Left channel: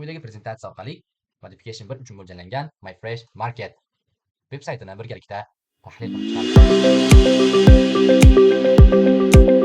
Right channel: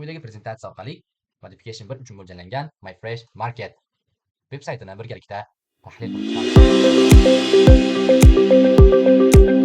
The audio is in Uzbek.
Quyidagi prezentatsiya orqali modification 1 uchun mo'ljallangan MyFresh Market veb saytini birgalikda tahlil qilib chiqamiz.